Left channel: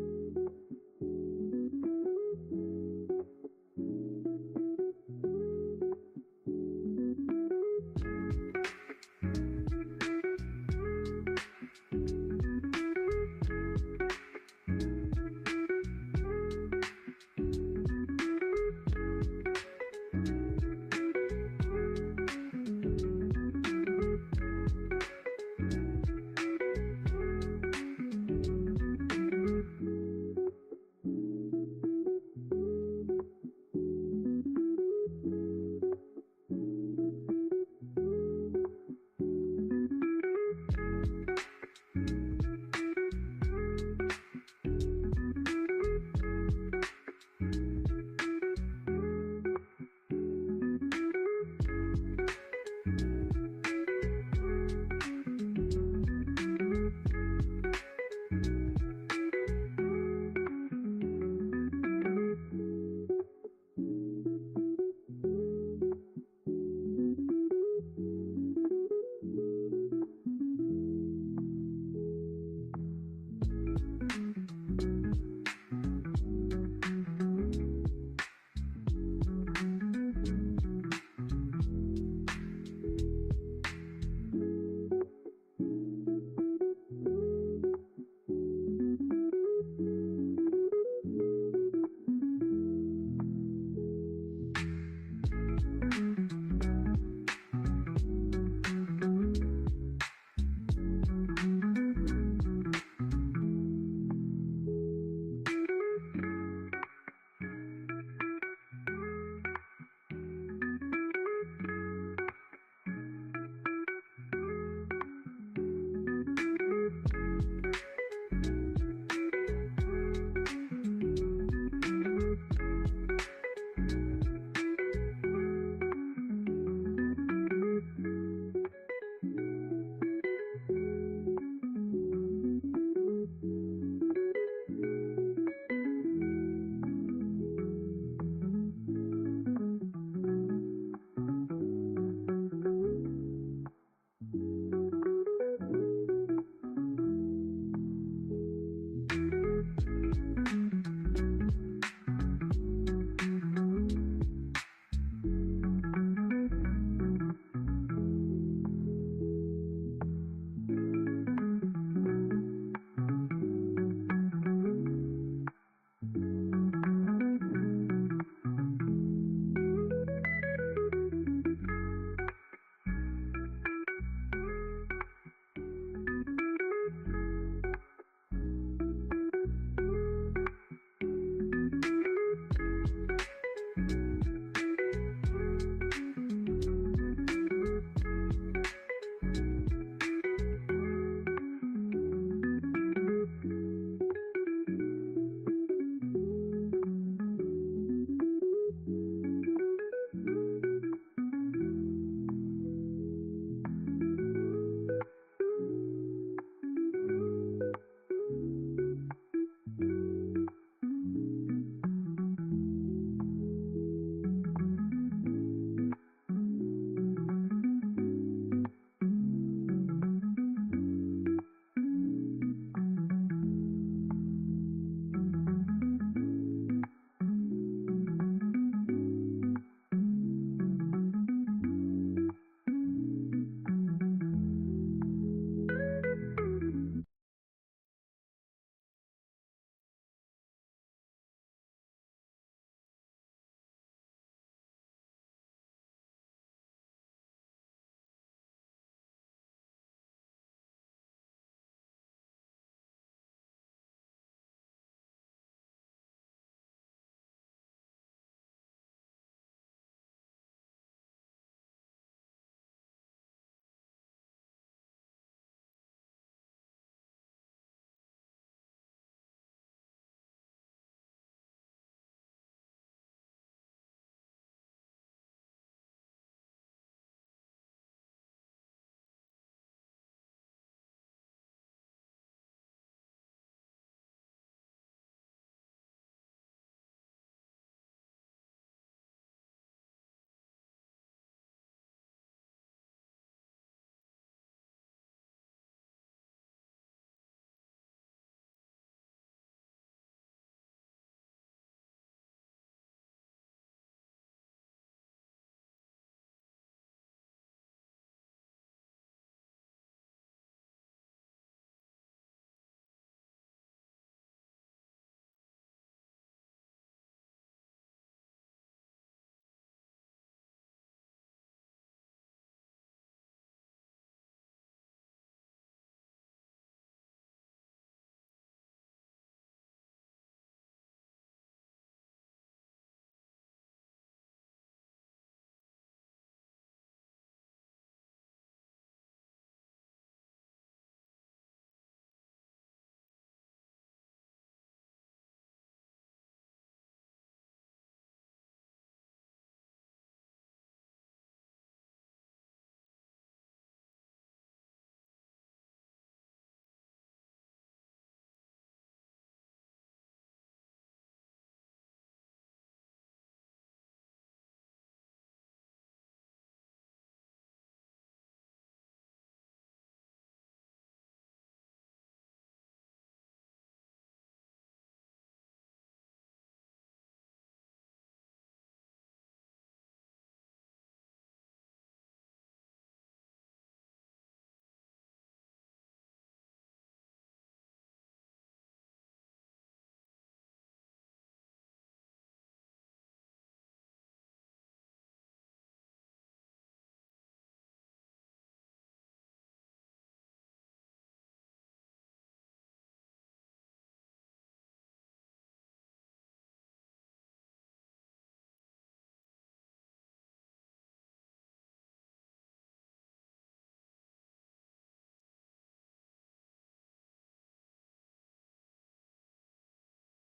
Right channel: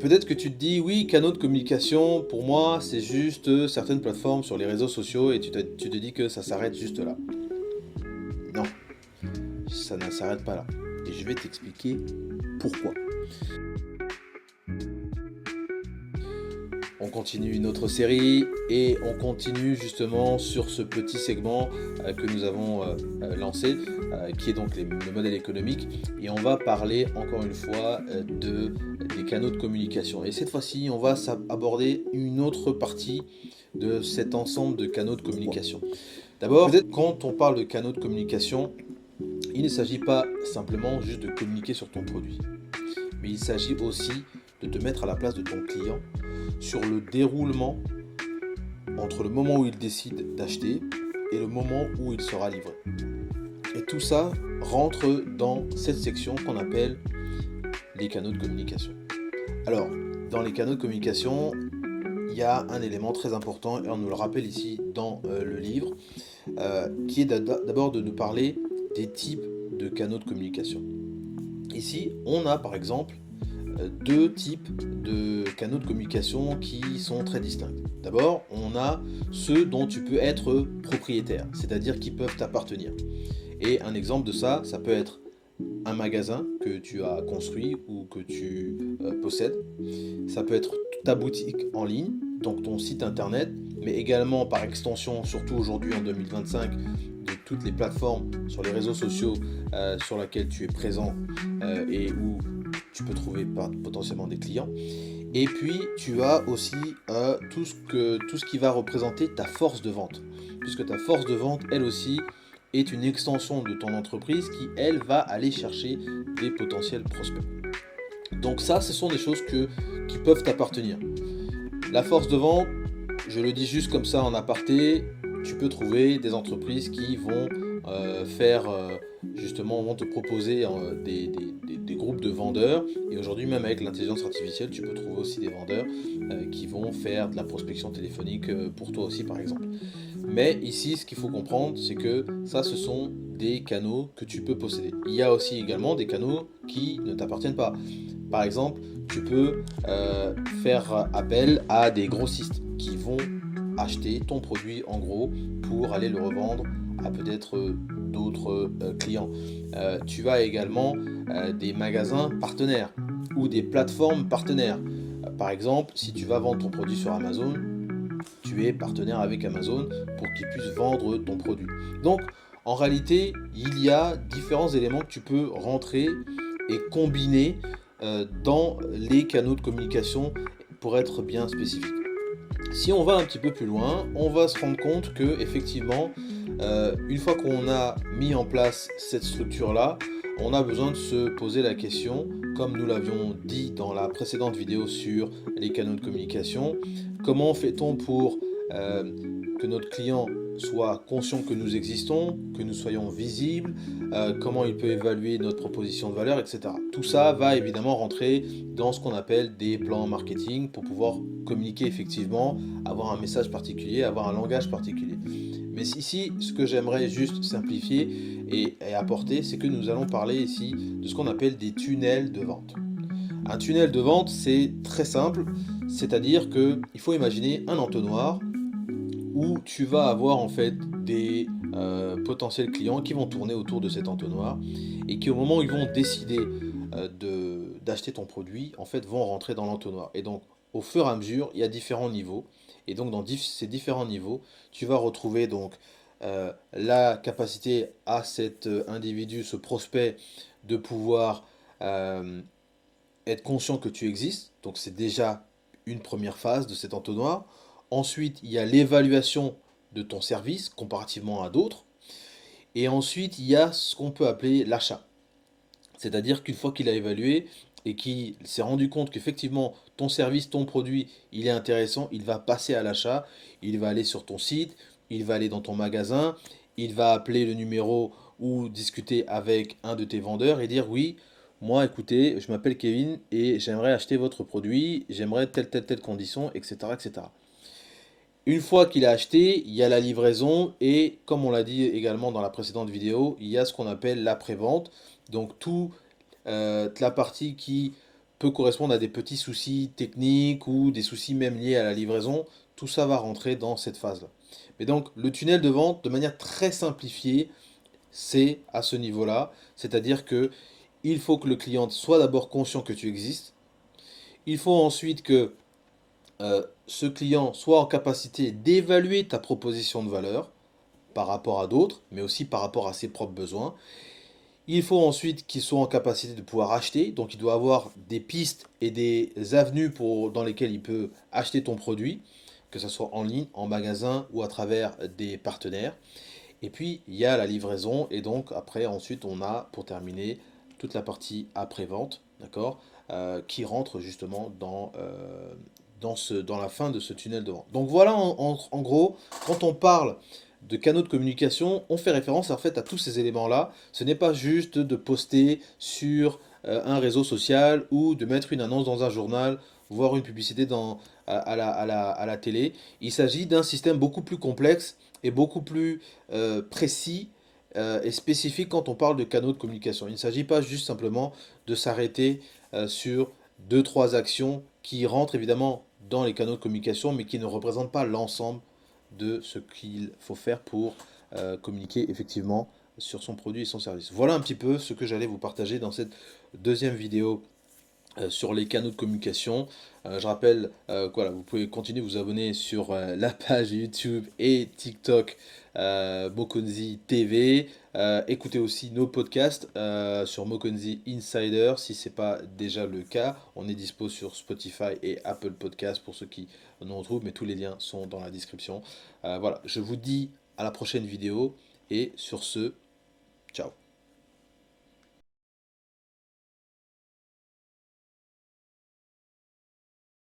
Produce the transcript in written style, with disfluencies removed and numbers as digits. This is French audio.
Peut-être que tu te dis, oui, canaux de communication, pour moi, c'est juste certaines plateformes sur les réseaux sociaux et tu te dis que ça s'arrête juste là. Non, ça ne s'arrête pas là. Et je vais t'expliquer pourquoi. On continue notre série et on continue justement sur ce petit segment que nous avons lancé, qui est donc le modèle économique. Et on va parler encore une fois des canaux de communication. Et cette fois-ci, on va aborder une autre partie de cet ensemble de canaux de communication. D'abord, quand on parle de canaux de communication, il ne s'agit pas simplement juste de communiquer sur ton produit, mais il s'agit aussi de te mettre à la place de ton client sur le déroulement entre le moment où il décide d'acheter et le moment où il sera livré. Et tout ça rentre dans cette section qu'on appelle les canaux de communication. Alors, dans les canaux de communication, il y a un élément très important, et on nous le rappelle ici dans le livre, qui est d'abord de nous parler des types de canaux de communication. Ici, on a par exemple deux types de canaux de communication qui sont très distincts. D'abord, on a ceux dont tu peux être propriétaire, c'est-à-dire qui peuvent t'appartenir. Et un exemple de ça, ça peut être un magasin que tu as construit ou que tu possèdes. Ça peut être ta boutique en ligne, donc ton site internet, mais également par extension, surtout aujourd'hui en 2025, de toutes les plateformes sur les réseaux sociaux sur lesquelles tu es présent et où tu peux trouver potentiellement des clients. Et puis tu as aussi tout ce qui va représenter ta force de vente, puisque ta force de vente, elle aussi, est une extension de ton entreprise qui, elle, va aller chercher des potentiels prospects. Donc ça, ce sont des choses qui peuvent t'appartenir. La force de vente, je le dis juste comme ça en aparté, tu peux trouver des entreprises qui vont justement, vont te proposer des groupes de vendeurs. Et aujourd'hui, même avec l'intelligence artificielle, tu peux trouver aussi des vendeurs qui vont faire de la prospection téléphonique pour toi aussi, par exemple. Mais ici, ce qu'il faut comprendre, c'est que ça, ce sont des canaux que tu peux posséder. Il y a aussi également des canaux qui ne t'appartiennent pas. Par exemple, tu peux faire appel à des grossistes qui vont acheter ton produit en gros pour aller le revendre à peut-être d'autres clients. Tu as également des magasins partenaires ou des plateformes partenaires. Par exemple, si tu vas vendre ton produit sur Amazon, tu es partenaire avec Amazon pour qu'ils puissent vendre ton produit. Donc, en réalité, il y a différents éléments que tu peux rentrer et combiner dans les canaux de communication pour être bien spécifique. Si on va un petit peu plus loin, on va se rendre compte que effectivement, une fois qu'on a mis en place cette structure-là, on a besoin de se poser la question, comme nous l'avions dit dans la précédente vidéo sur les canaux de communication, comment fait-on pour que notre client soit conscient que nous existons, que nous soyons visibles, comment il peut évaluer notre proposition de valeur, etc. Tout ça va évidemment rentrer dans ce qu'on appelle des plans marketing pour pouvoir communiquer effectivement, avoir un message particulier, avoir un langage particulier. Mais ici, ce que j'aimerais juste simplifier et apporter, c'est que nous allons parler ici de ce qu'on appelle des tunnels de vente. Un tunnel de vente, c'est très simple, c'est-à-dire qu'il faut imaginer un entonnoir où tu vas avoir en fait des potentiels clients qui vont tourner autour de cet entonnoir et qui au moment où ils vont décider d'acheter ton produit, en fait vont rentrer dans l'entonnoir. Et donc au fur et à mesure, il y a différents niveaux. Et donc dans ces différents niveaux, tu vas retrouver donc la capacité à cet individu, ce prospect, de pouvoir être conscient que tu existes. Donc c'est déjà une première phase de cet entonnoir. Ensuite, il y a l'évaluation de ton service comparativement à d'autres. Et ensuite, il y a ce qu'on peut appeler l'achat. C'est-à-dire qu'une fois qu'il a évalué et qu'il s'est rendu compte qu'effectivement ton service, ton produit, il est intéressant, il va passer à l'achat, il va aller sur ton site, il va aller dans ton magasin, il va appeler le numéro ou discuter avec un de tes vendeurs et dire oui, moi écoutez, je m'appelle Kevin et j'aimerais acheter votre produit, j'aimerais telle condition, etc. etc. Une fois qu'il a acheté, il y a la livraison et comme on l'a dit également dans la précédente vidéo, il y a ce qu'on appelle l'après-vente. Donc toute la partie qui peut correspondre à des petits soucis techniques ou des soucis même liés à la livraison. Tout ça va rentrer dans cette phase-là. Mais donc, le tunnel de vente, de manière très simplifiée, c'est à ce niveau-là. C'est-à-dire que il faut que le client soit d'abord conscient que tu existes. Il faut ensuite que ce client soit en capacité d'évaluer ta proposition de valeur par rapport à d'autres, mais aussi par rapport à ses propres besoins. Il faut ensuite qu'il soit en capacité de pouvoir acheter, donc il doit avoir des pistes et des avenues dans lesquelles il peut acheter ton produit, que ce soit en ligne, en magasin ou à travers des partenaires. Et puis il y a la livraison, et donc après ensuite on a pour terminer toute la partie après-vente, d'accord, qui rentre justement dans la fin de ce tunnel de vente. Donc voilà en gros, quand on parle de canaux de communication, on fait référence en fait à tous ces éléments-là. Ce n'est pas juste de poster sur un réseau social ou de mettre une annonce dans un journal, voire une publicité à la télé. Il s'agit d'un système beaucoup plus complexe et beaucoup plus précis et spécifique quand on parle de canaux de communication. Il ne s'agit pas juste simplement de s'arrêter sur deux, trois actions qui rentrent évidemment dans les canaux de communication, mais qui ne représentent pas l'ensemble de ce qu'il faut faire pour communiquer effectivement sur son produit et son service. Voilà un petit peu ce que j'allais vous partager dans cette deuxième vidéo sur les canaux de communication. Je rappelle voilà, vous pouvez continuer de vous abonner sur la page YouTube et TikTok Mokonzi TV. Écoutez aussi nos podcasts sur Mokonzi Insider si ce n'est pas déjà le cas. On est dispo sur Spotify et Apple Podcasts pour ceux qui nous retrouvent, mais tous les liens sont dans la description. Voilà, je vous dis à la prochaine vidéo et sur ce, ciao.